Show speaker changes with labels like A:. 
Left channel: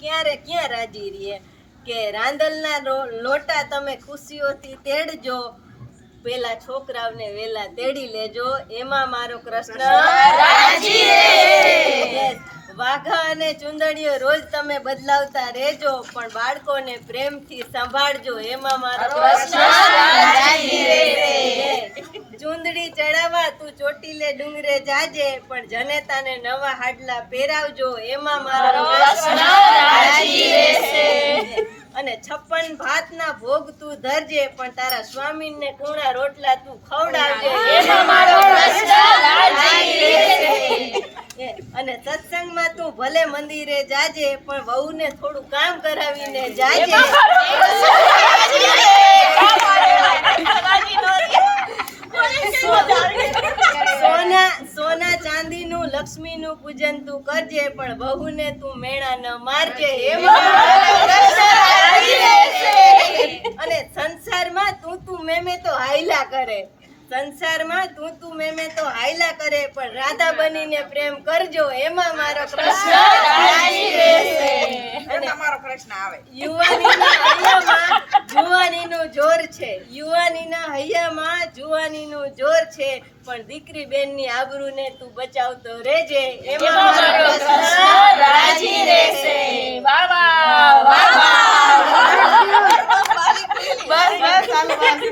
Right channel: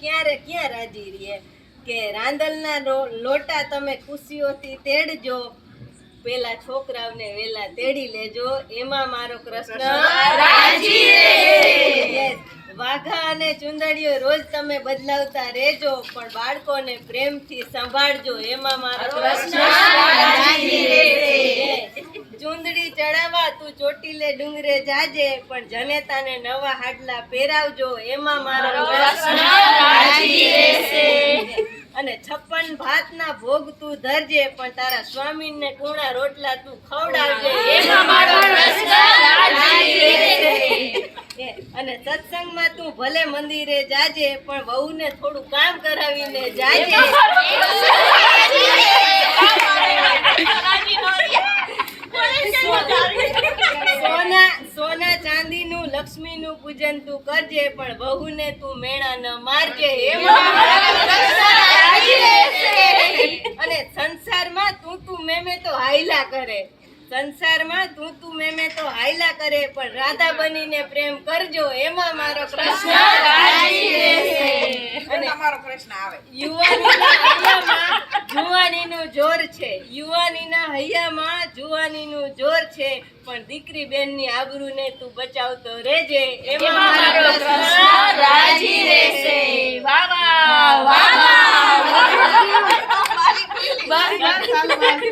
A: ક્યારે ક્યાં રાજી રહીએ કે રાંદલના લોટા તમે ખુશીઓથી તેડજો પેલા છોકરાઓને વેલા તેડી લેજો એમાં મારો કૃષ્ણ. વાઘા અને ચુંદડીઓ રોજ તમે બદલાવતા રહેજો પણ બાળકોને પ્રેમથી સંભાળજો એમાં મારો કૃષ્ણ. ચુંદડી ચડાવવા તું ચોટીલે ડુંગરે જાજે પણ જનેતાને નવા હાડલા પહેરાવજો એમાં મારો કૃષ્ણ અને છપ્પન ભાતના ભોગ તું ધરજે પણ તારા સ્વામીને કુણા રોટલા તું ખવડાવજે. અને સત્સંગમાં તું ભલે મંદિરે જાજે પણ વહુને થોડું કામ કરાવીને જાજે. સોના સોના ચાંદીનું લક્ષ્મીનું પૂજન તું કરજે પણ વહુને તું મેણા ન મારજે. એમાં અને સંસારમાં તું તું મેમે તો હાયલા કરે. સંસારમાં તું તું મેમે તો હાયલા કરે પણ રાધા બનીને પ્રેમ કરજો એમાં મારો કૃષ્ણ અને
B: તમારો કૃષ્ણ આવે.
A: યુવાનીના હૈયામાં જુવાનીનું જોર છે. યુવાનીના હૈયામાં જુવાનીનું જોર છે પણ દીકરી બેનની આબરૂને તું બચાવતો રહેજે એમાં મારો કૃષ્ણ રાજી રહેશે.
B: વાહ વાહ વાહ બસ.